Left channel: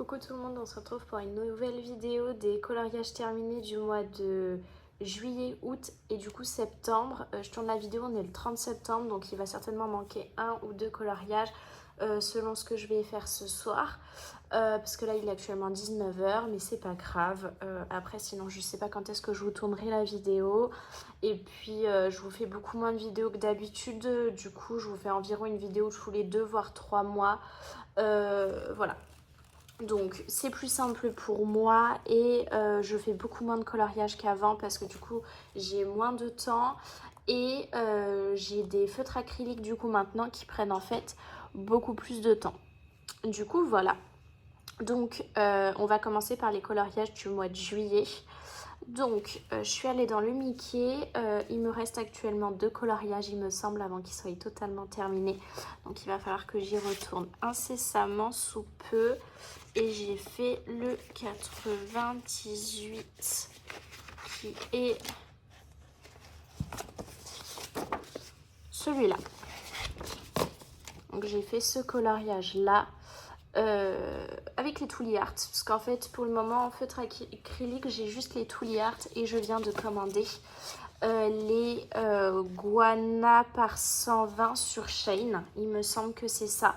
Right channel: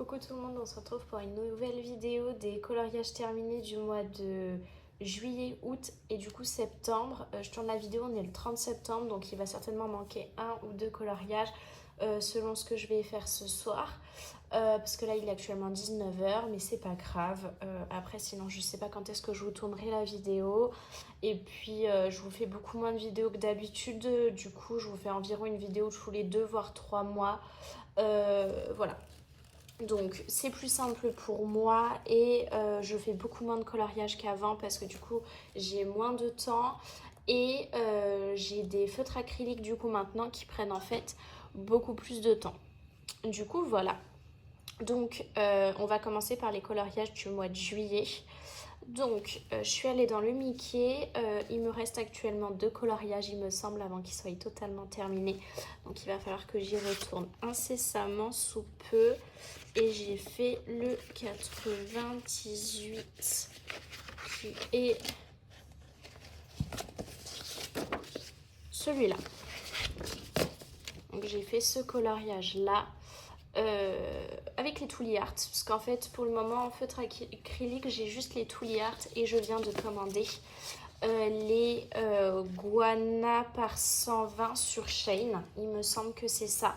Coucou tout le monde, on se retrouve pour une nouvelle vidéo des coloriages terminés du mois de juillet, août et du coup septembre. Je tourne la vidéo, on est le 30 septembre, donc il va certainement manquer un ou deux coloriages selon ce que je vais faire ce soir. Parce que là il est actuellement 19h, mais c'est pas grave. Après sinon je sais pas quand est-ce que je vous tournerai la vidéo. Et puis je vous fais beaucoup moins de vidéos que d'habitude. Du coup je vous fais environ une vidéo tous les 2 voire 3 mois. Voilà. Donc c'est plus simple pour moi et je fais beaucoup moins de coloriage qu'avant parce que du coup j'ai moins de temps et j'ai des feutres acryliques du coup maintenant qui prennent en fait beaucoup plus de temps. Du coup voilà. Donc on va commencer par les coloriages du mois de juillet. Donc je suis allée dans le Mickey, il me reste actuellement 2 coloriages il me semble avant qu'ils soient totalement terminés. Donc il va falloir que j'y retourne incessamment sous peu. Et j'ai fait le 98 qui est celui-là. Donc j'ai fait ce coloriage là avec les Tooly Art parce qu'en fait pour le moment en feutre acrylique j'ai juste les Tooly Art et je viens de commander les Guana par 120 sur Shein, il me semble que c'est ça.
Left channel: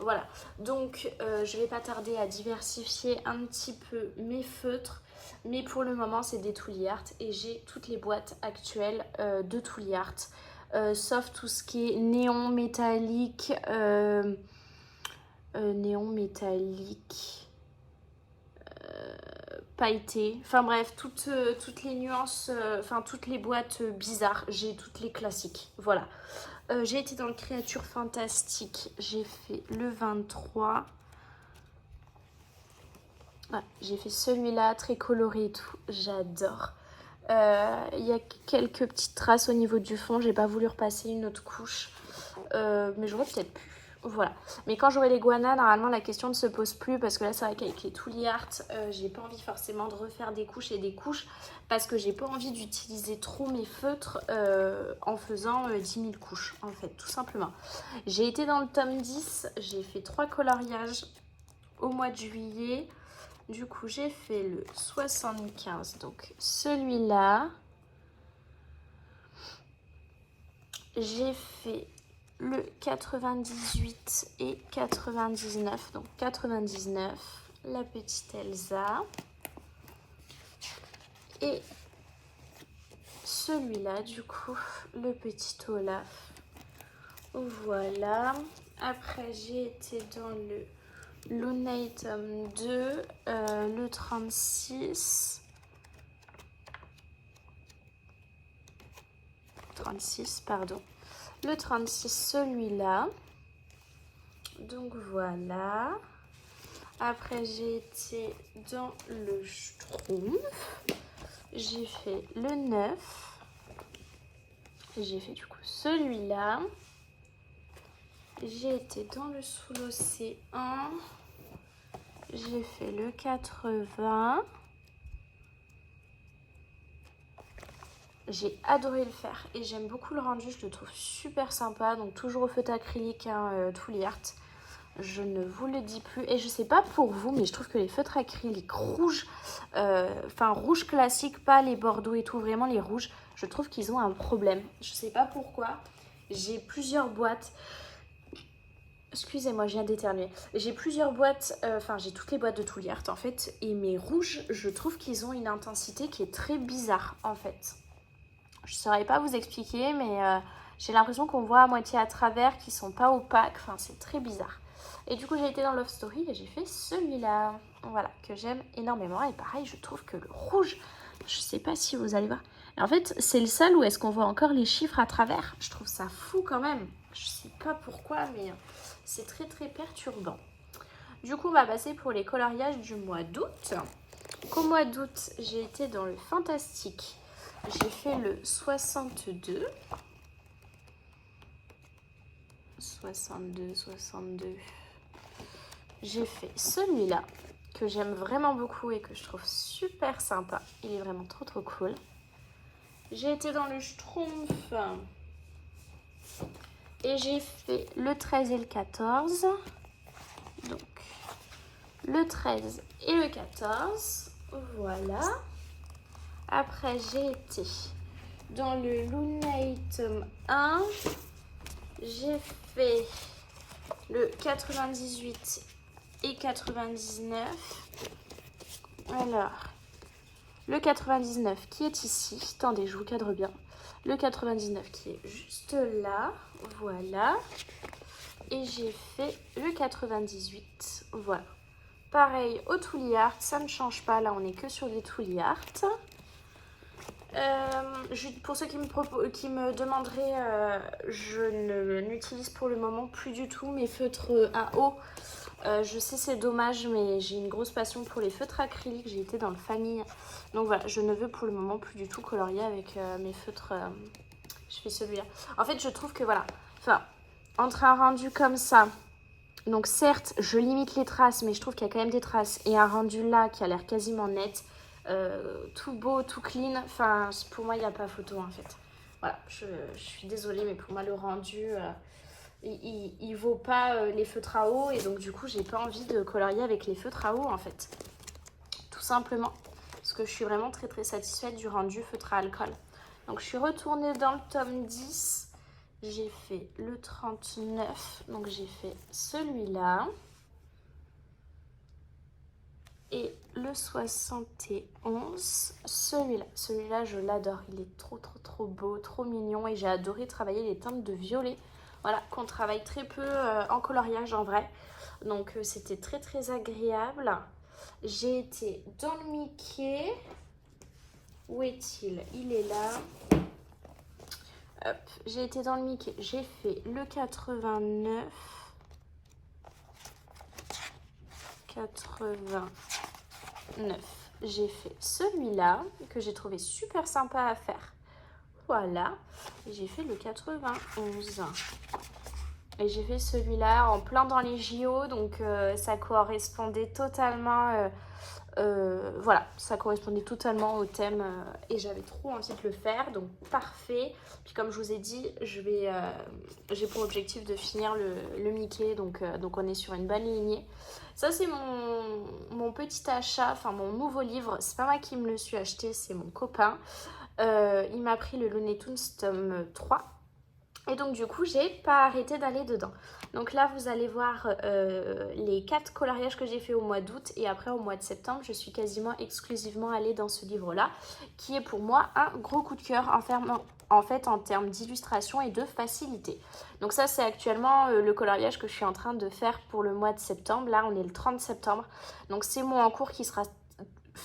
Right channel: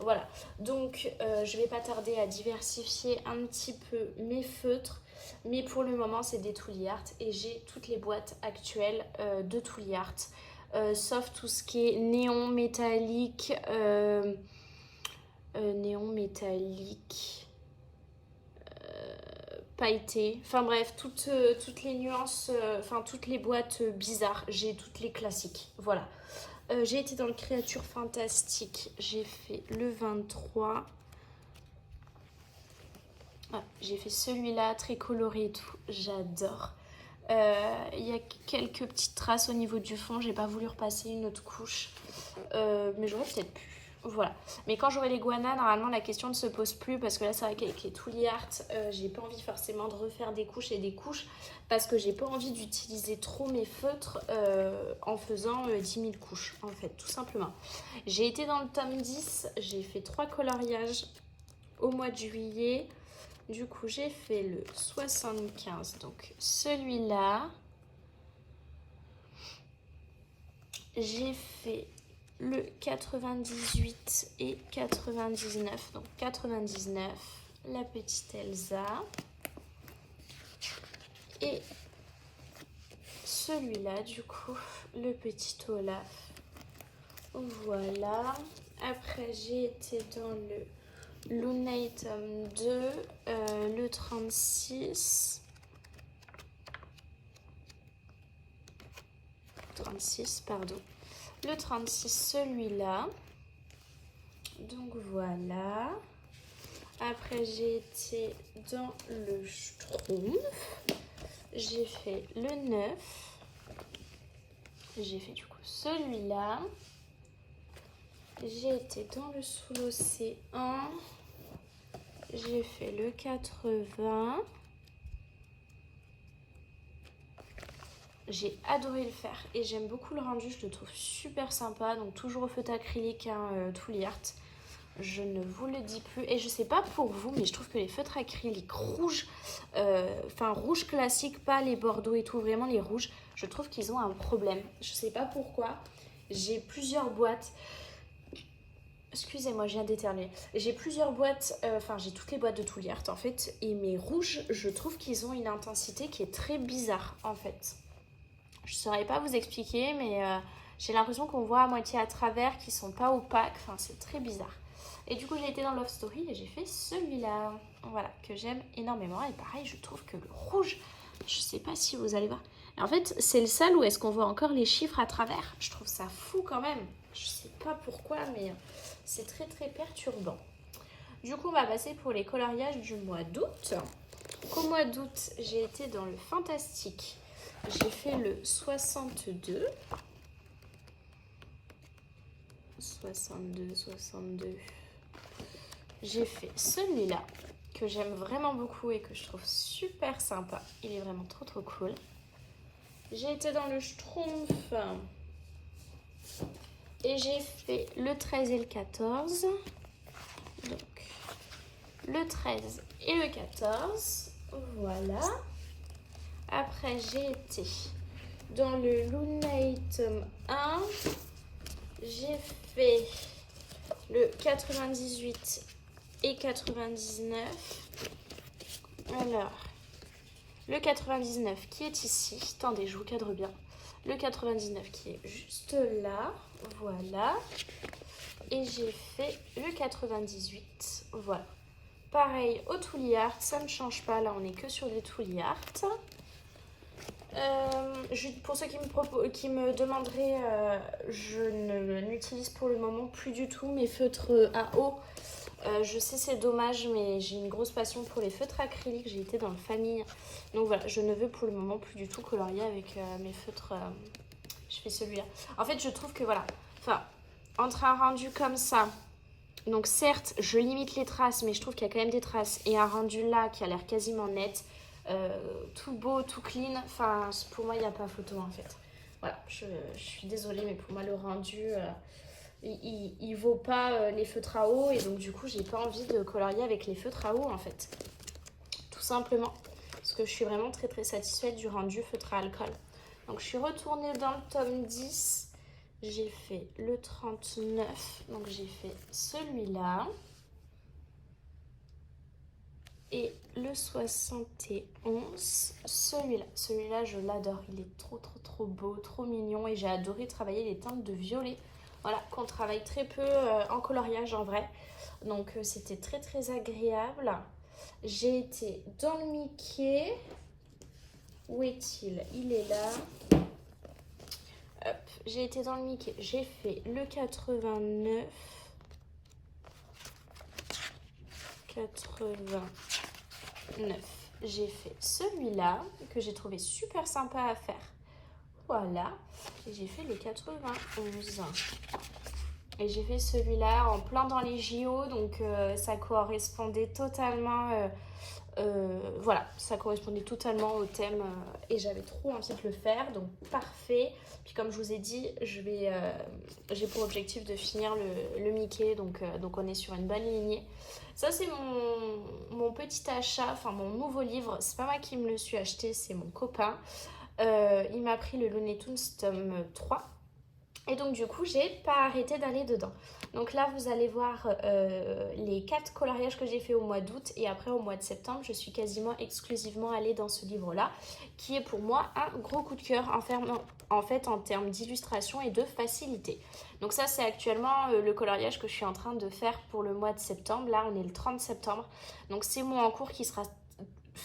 Voilà, donc je vais pas tarder à diversifier un petit peu mes feutres, mais pour le moment c'est des Tooly Art et j'ai toutes les boîtes actuelles de Tooly Art, sauf tout ce qui est néon métallique, pailleté, enfin bref, toutes les nuances, enfin toutes les boîtes bizarres, j'ai toutes les classiques, voilà. J'ai été dans le Créature Fantastique, j'ai fait le 23. Ouais, j'ai fait celui-là, très coloré et tout, j'adore. Il y a quelques petites traces au niveau du fond, j'ai pas voulu repasser une autre couche, mais j'aurais peut-être pu. Voilà, mais quand j'aurai les Guana, normalement la question ne se pose plus parce que là c'est vrai qu'avec les Tooly Art, j'ai pas envie forcément de refaire des couches et des couches parce que j'ai pas envie d'utiliser trop mes feutres en faisant 10 000 couches en fait, tout simplement. J'ai été dans le tome 10, j'ai fait 3 coloriages au mois de juillet. Du coup j'ai fait le 75, donc celui-là. J'ai fait le 98 et 99, donc 99, la petite Elsa, et celui-là du coup, le petit Olaf. Voilà, après j'ai été dans le Lunate tome 2, le 36, pardon, le 36 celui-là, donc voilà. Après j'ai été dans le Schtroumpf, j'ai fait le 9, j'ai fait du coup celui-là, j'ai été dans le Sous l'Océan, j'ai fait le 80. J'ai adoré le faire et j'aime beaucoup le rendu, je le trouve super sympa. Donc toujours au feutre acrylique, hein, Tooly Art. Je ne vous le dis plus. Et je sais pas pour vous, mais je trouve que les feutres acryliques rouges, enfin rouge classique, pas les bordeaux et tout, vraiment les rouges, je trouve qu'ils ont un problème. Je sais pas pourquoi. J'ai plusieurs boîtes. Excusez-moi, je viens d'éternuer. J'ai plusieurs boîtes, enfin j'ai toutes les boîtes de Tooly Art en fait. Et mes rouges, je trouve qu'ils ont une intensité qui est très bizarre en fait. Je ne saurais pas vous expliquer, mais j'ai l'impression qu'on voit à moitié à travers, qu'ils sont pas opaques. Enfin, c'est très bizarre. Et du coup, j'ai été dans Love Story et j'ai fait celui-là. Voilà, que j'aime énormément. Et pareil, je trouve que le rouge, je sais pas si vous allez voir. Et en fait, c'est le seul où est-ce qu'on voit encore les chiffres à travers. Je trouve ça fou quand même. Je sais pas pourquoi, mais c'est très très perturbant. Du coup, on va passer pour les coloriages du mois d'août. Qu'au mois d'août, j'ai été dans le Fantastique. J'ai fait le 62. 62. J'ai fait celui-là que j'aime vraiment beaucoup et que je trouve super sympa. Il est vraiment trop trop cool. J'ai été dans le Schtroumpf et j'ai fait le 13 et le 14. Donc le 13 et le 14. Voilà. Après, j'ai été dans le Lunay tome 1. J'ai fait le 98 et 99. Alors, le 99 qui est ici. Attendez, je vous cadre bien. Le 99 qui est juste là. Voilà. Et j'ai fait le 98. Voilà. Pareil au Toolie Art, ça ne change pas. Là, on n'est que sur les Toolie Art. Pour ceux qui me demanderaient, je n'utilise pour le moment plus du tout mes feutres à eau. Je sais c'est dommage, mais j'ai une grosse passion pour les feutres acryliques. J'ai été dans le famille. Donc voilà, je ne veux pour le moment plus du tout colorier avec mes feutres. Je fais celui-là. En fait, je trouve que voilà, enfin, entre un rendu comme ça, donc certes, je limite les traces, mais je trouve qu'il y a quand même des traces. Et un rendu là qui a l'air quasiment net, tout beau, tout clean. Enfin, pour moi, il n'y a pas photo en fait. Voilà, je suis désolée, mais pour moi, le rendu, il vaut pas les feutres à eau. Et donc, du coup, j'ai pas envie de colorier avec les feutres à eau en fait. Tout simplement. Parce que je suis vraiment très très satisfaite du rendu feutre à alcool. Donc, je suis retournée dans le tome 10. J'ai fait le 39, donc j'ai fait celui-là. Et le 71, celui-là. Celui-là, je l'adore. Il est trop, trop, trop beau, trop mignon. Et j'ai adoré travailler les teintes de violet. Voilà, qu'on travaille très peu en coloriage en vrai. Donc, c'était très, très agréable. J'ai été dans le Mickey. Où est-il? Il est là. Hop, j'ai été dans le Mickey, j'ai fait le 89, 89, j'ai fait celui-là que j'ai trouvé super sympa à faire, voilà, et j'ai fait le 91, et j'ai fait celui-là en plein dans les JO, donc ça correspondait totalement, voilà, ça correspondait totalement au thème et j'avais trop envie de le faire, donc parfait. Puis comme je vous ai dit, j'ai pour objectif de finir le Mickey, donc on est sur une bonne lignée. Ça c'est mon petit achat, enfin mon nouveau livre, c'est pas moi qui me le suis acheté, c'est mon copain. Il m'a pris le Looney Tunes tome 3. Et donc du coup, j'ai pas arrêté d'aller dedans. Donc là, vous allez voir les 4 coloriages que j'ai fait au mois d'août. Et après, au mois de septembre, je suis quasiment exclusivement allée dans ce livre-là, qui est pour moi un gros coup de cœur en fait en termes d'illustration et de facilité. Donc ça, c'est actuellement le coloriage que je suis en train de faire pour le mois de septembre. Là, on est le 30 septembre. Donc c'est mon en cours qui sera...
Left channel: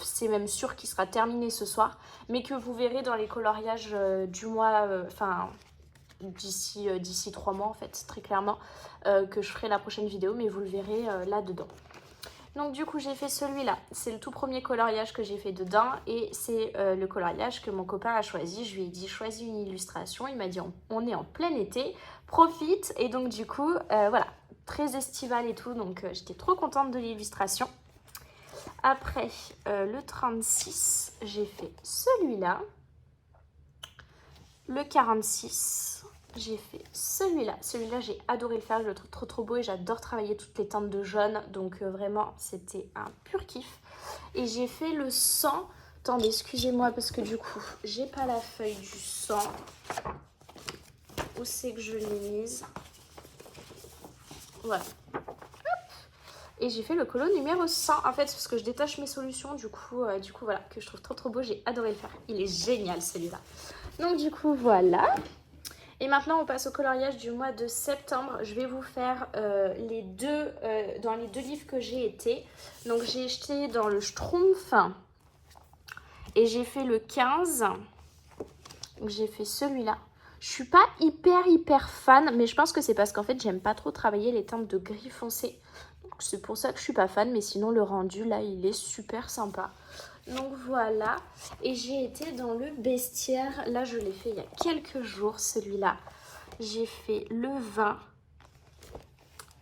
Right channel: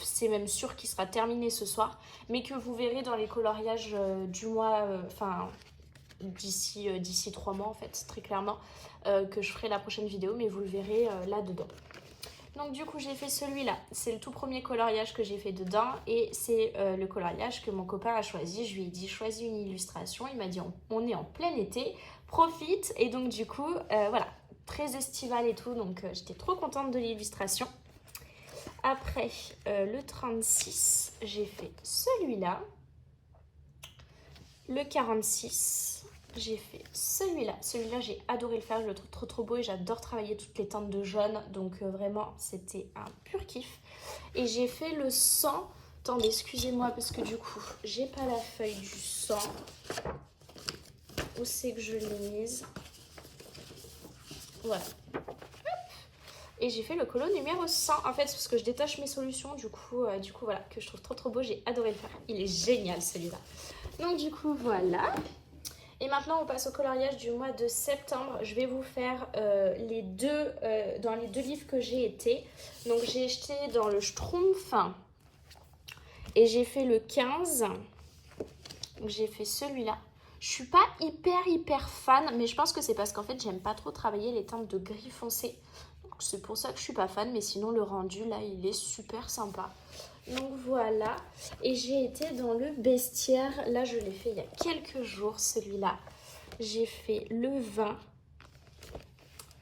C'est même sûr qu'il sera terminé ce soir. Mais que vous verrez dans les coloriages du mois... d'ici 3 mois en fait, très clairement, que je ferai la prochaine vidéo, mais vous le verrez là-dedans. Donc du coup j'ai fait celui-là, c'est le tout premier coloriage que j'ai fait dedans et c'est le coloriage que mon copain a choisi. Je lui ai dit choisis une illustration, il m'a dit on est en plein été, profite. Et donc du coup voilà, très estival et tout, donc j'étais trop contente de l'illustration. Après le 36, j'ai fait celui-là, le 46, j'ai fait celui-là. Celui-là, j'ai adoré le faire. Je le trouve trop trop beau et j'adore travailler toutes les teintes de jaune. Donc vraiment, c'était un pur kiff. Et j'ai fait le 100. Attendez, excusez-moi parce que du coup, j'ai pas la feuille du 100. Où c'est que je l'ai mise? Voilà. Et j'ai fait le colo numéro 100. En fait, c'est parce que je détache mes solutions. Du coup, voilà, que je trouve trop trop beau. J'ai adoré le faire. Il est génial celui-là. Donc du coup, voilà. Et maintenant, on passe au coloriage du mois de septembre. Je vais vous faire dans les deux livres que j'ai été. Donc, j'ai acheté dans le Schtroumpf et j'ai fait le 15. Donc, j'ai fait celui-là. Je suis pas hyper fan, mais je pense que c'est parce qu'en fait, j'aime pas trop travailler les teintes de gris foncé. C'est pour ça que je suis pas fan, mais sinon, le rendu, là, il est super sympa. Donc voilà, et j'ai été dans le bestiaire, là je l'ai fait il y a quelques jours, celui-là. J'ai fait le 20,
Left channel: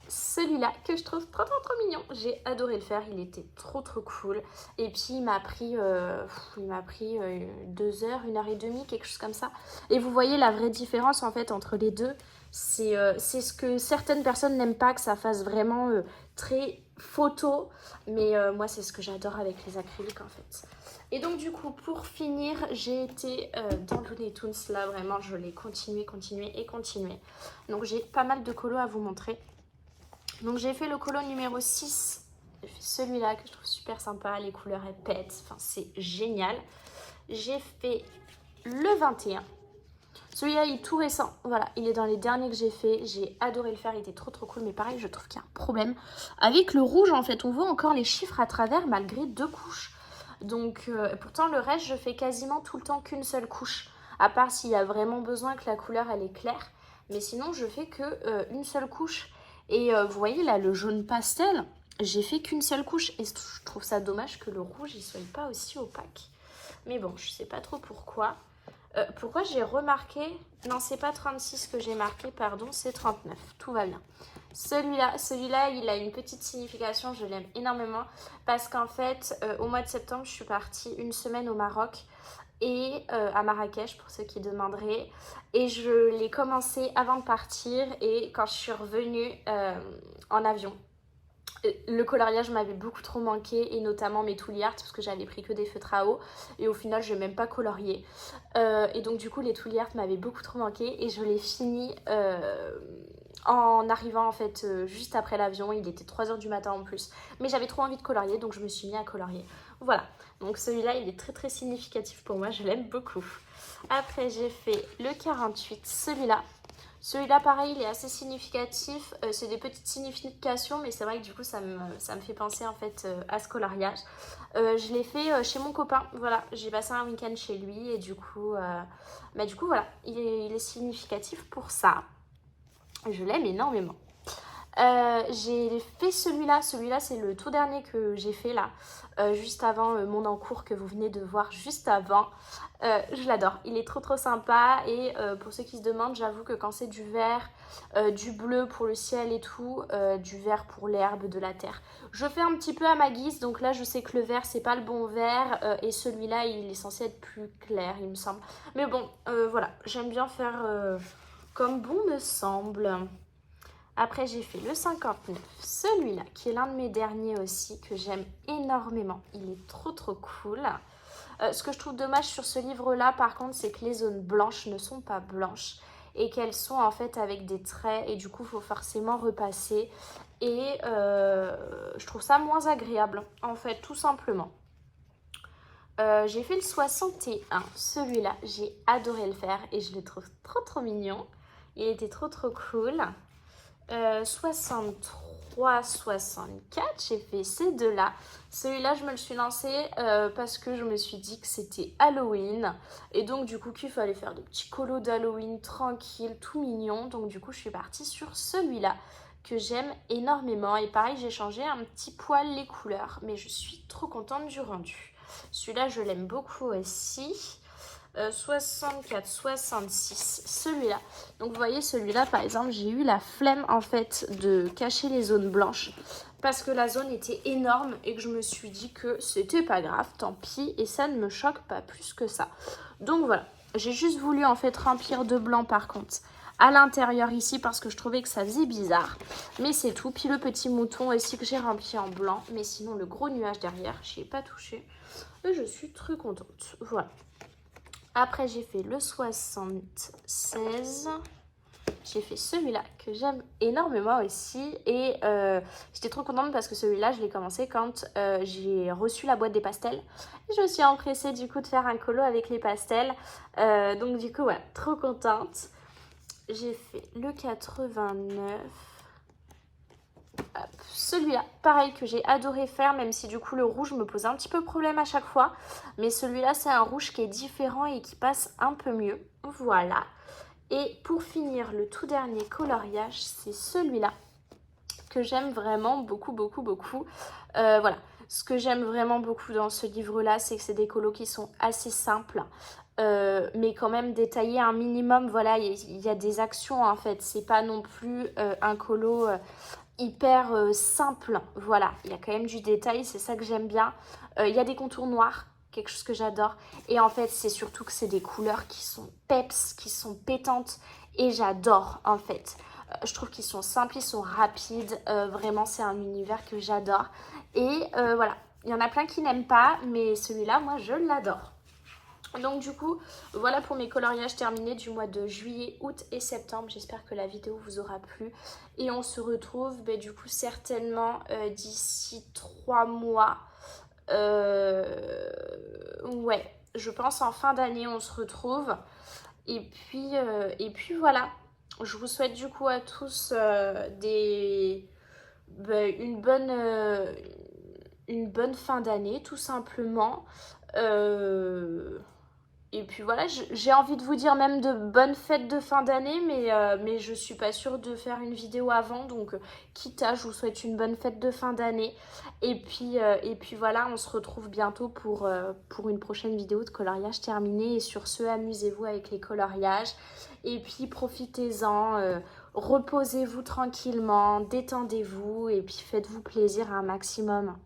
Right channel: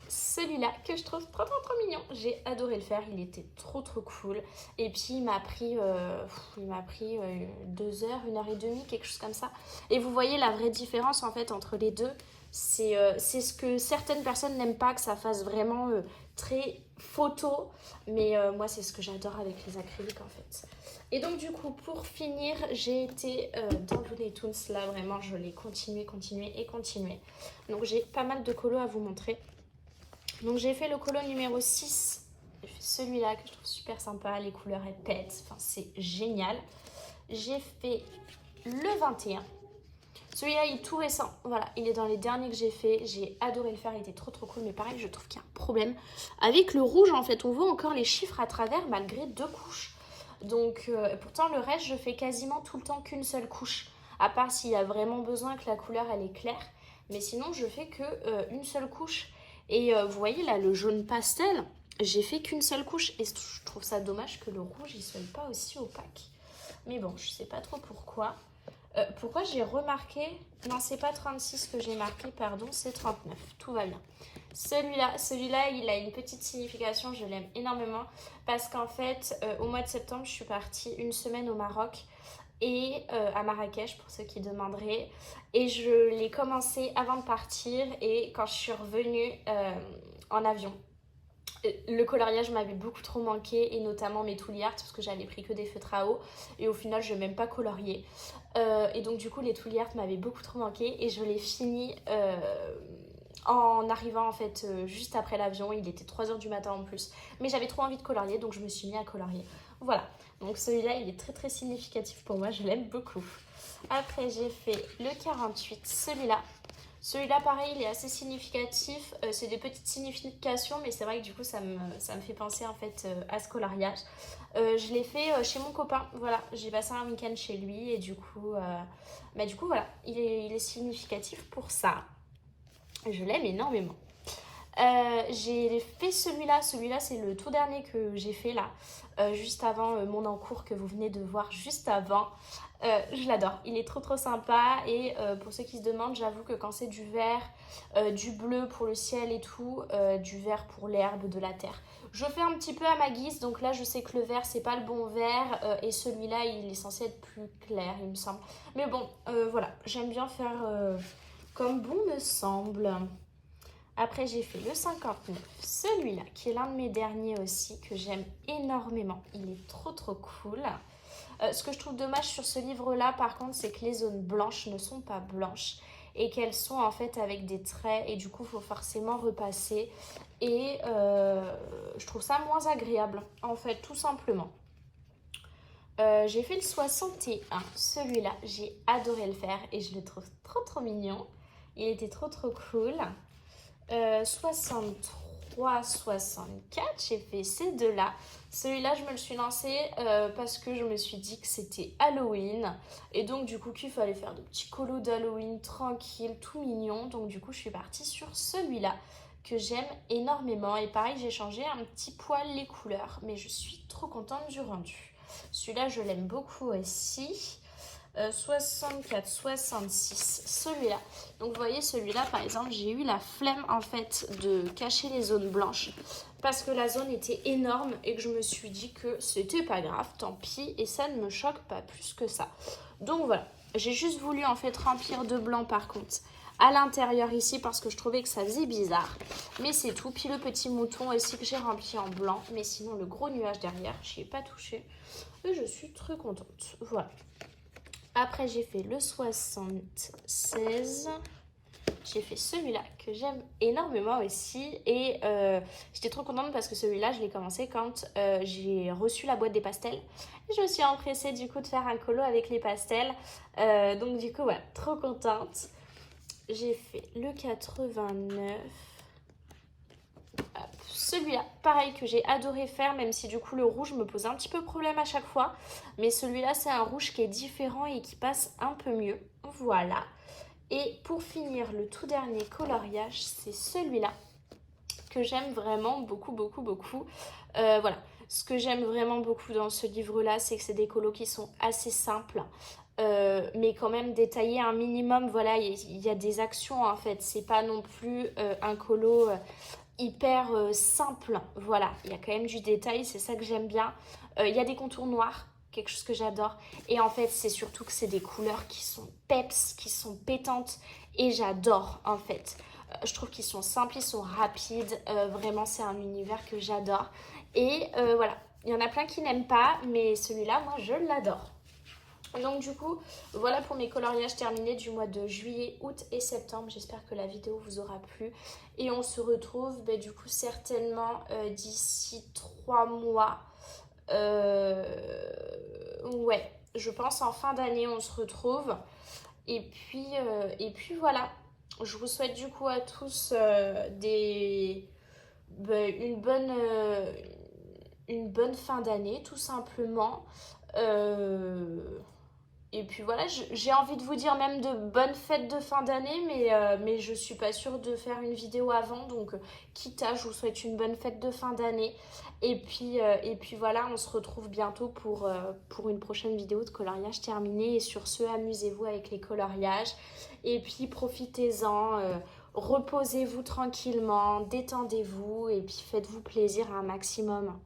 celui-là que je trouve trop mignon. J'ai adoré le faire, il était trop cool. Et puis il m'a pris 2 heures, 1 heure et demie, quelque chose comme ça. Et vous voyez la vraie différence en fait entre les deux. C'est ce que certaines personnes n'aiment pas, que ça fasse vraiment très photo. Mais moi, c'est ce que j'adore avec les acryliques en fait. Et donc du coup, pour finir, j'ai été dans Looney Tunes. Là, vraiment, je l'ai continué. Donc j'ai pas mal de colos à vous montrer. Donc j'ai fait le colo numéro 6. J'ai fait celui-là que je trouve super sympa. Les couleurs, elles pètent. Enfin, c'est génial. J'ai fait le 21. Celui-là, il est tout récent. Voilà, il est dans les derniers que j'ai fait. J'ai adoré le faire. Il était trop cool. Mais pareil, je trouve qu'il y a un problème. Avec le rouge, en fait, on voit encore les chiffres à travers malgré 2 couches. Donc, pourtant, le reste, je fais quasiment tout le temps qu'une seule couche. À part s'il y a vraiment besoin que la couleur, elle est claire. Mais sinon, je fais que une seule couche. Et vous voyez, là, le jaune pastel, j'ai fait qu'une seule couche. Et je trouve ça dommage que le rouge, il soit pas aussi opaque. Mais bon, je sais pas trop pourquoi. Pourquoi j'ai remarqué... Non, c'est pas 36 que j'ai marqué, pardon, c'est 39. Tout va bien. Celui-là, il a une petite signification, je l'aime énormément. Parce qu'en fait, au mois de septembre, je suis partie une semaine au Maroc et à Marrakech, pour ceux qui demanderaient. Et je l'ai commencé avant de partir et quand je suis revenue en avion. Le coloriage m'avait beaucoup trop manqué et notamment mes tool art parce que j'avais pris que des feutres à eau et au final je n'ai même pas colorié et donc du coup les tool art m'avaient beaucoup trop manqué et je l'ai fini en arrivant en fait juste après l'avion. Il était 3h du matin en plus, mais j'avais trop envie de colorier donc je me suis mis à colorier. Voilà, donc celui-là il est très significatif pour moi, je l'aime beaucoup. Après j'ai fait le 48, celui-là, pareil, il est assez significatif. C'est des petites significations, mais c'est vrai que du coup, ça me fait penser en fait à ce coloriage. Je l'ai fait chez mon copain. Voilà, j'ai passé un week-end chez lui et du coup, voilà, il est significatif pour ça. Je l'aime énormément. J'ai fait celui-là. Celui-là, c'est le tout dernier que j'ai fait là, juste avant mon encours que vous venez de voir juste avant. Je l'adore, il est trop sympa et pour ceux qui se demandent, j'avoue que quand c'est du vert, du bleu pour le ciel et tout, du vert pour l'herbe, de la terre, je fais un petit peu à ma guise. Donc là je sais que le vert c'est pas le bon vert et celui-là il est censé être plus clair il me semble. Mais bon voilà, j'aime bien faire comme bon me semble. Après j'ai fait le 59, celui-là qui est l'un de mes derniers aussi que j'aime énormément, il est trop cool. Ce que je trouve dommage sur ce livre-là, par contre, c'est que les zones blanches ne sont pas blanches et qu'elles sont en fait avec des traits et du coup, il faut forcément repasser. Et je trouve ça moins agréable, en fait, tout simplement. J'ai fait le 61, celui-là, j'ai adoré le faire et je le trouve trop mignon. Il était trop cool. 63, 64, j'ai fait ces deux-là. Celui-là, je me le suis lancé parce que je me suis dit que c'était Halloween. Et donc, du coup, qu'il fallait faire de petits colos d'Halloween tranquille, tout mignon. Donc, du coup, je suis partie sur celui-là que j'aime énormément. Et pareil, j'ai changé un petit poil les couleurs. Mais je suis trop contente du rendu. Celui-là, je l'aime beaucoup aussi. 64, 66, celui-là. Donc vous voyez, celui-là par exemple, j'ai eu la flemme en fait de cacher les zones blanches parce que la zone était énorme et que je me suis dit que c'était pas grave, tant pis, et ça ne me choque pas plus que ça. Donc voilà, j'ai juste voulu en fait remplir de blanc par contre à l'intérieur ici parce que je trouvais que ça faisait bizarre, mais c'est tout. Puis le petit mouton aussi que j'ai rempli en blanc, mais sinon le gros nuage derrière, j'y ai pas touché et je suis très contente. Voilà. Après, j'ai fait le 76. J'ai fait celui-là que j'aime énormément aussi. Et j'étais trop contente parce que celui-là, je l'ai commencé quand j'ai reçu la boîte des pastels. Et je me suis empressée du coup de faire un colo avec les pastels. Donc du coup, voilà, trop contente. J'ai fait le 89. Celui-là, pareil, que j'ai adoré faire, même si du coup le rouge me pose un petit peu problème à chaque fois. Mais celui-là, c'est un rouge qui est différent et qui passe un peu mieux. Voilà. Et pour finir, le tout dernier coloriage, c'est celui-là que j'aime vraiment beaucoup. Voilà. Ce que j'aime vraiment beaucoup dans ce livre-là, c'est que c'est des colos qui sont assez simples. Mais quand même détaillés un minimum. Voilà, il y a des actions en fait. C'est pas non plus un colo... hyper simple, voilà, il y a quand même du détail, c'est ça que j'aime bien. Il y a des contours noirs, quelque chose que j'adore, et en fait c'est surtout que c'est des couleurs qui sont peps, qui sont pétantes et j'adore en fait. Je trouve qu'ils sont simples, ils sont rapides, vraiment c'est un univers que j'adore. Et voilà, il y en a plein qui n'aiment pas, mais celui-là, moi je l'adore. Donc du coup, voilà pour mes coloriages terminés du mois de juillet, août et septembre. J'espère que la vidéo vous aura plu. Et on se retrouve du coup certainement d'ici 3 mois. Ouais, je pense en fin d'année on se retrouve. Et puis voilà. Je vous souhaite du coup à tous une bonne fin d'année tout simplement. Et puis voilà, j'ai envie de vous dire même de bonnes fêtes de fin d'année, mais je suis pas sûre de faire une vidéo avant. Donc, quitte à, je vous souhaite une bonne fête de fin d'année. Et puis voilà, on se retrouve bientôt pour une prochaine vidéo de coloriage terminé. Et sur ce, amusez-vous avec les coloriages. Et puis profitez-en, reposez-vous tranquillement, détendez-vous et puis faites-vous plaisir un maximum.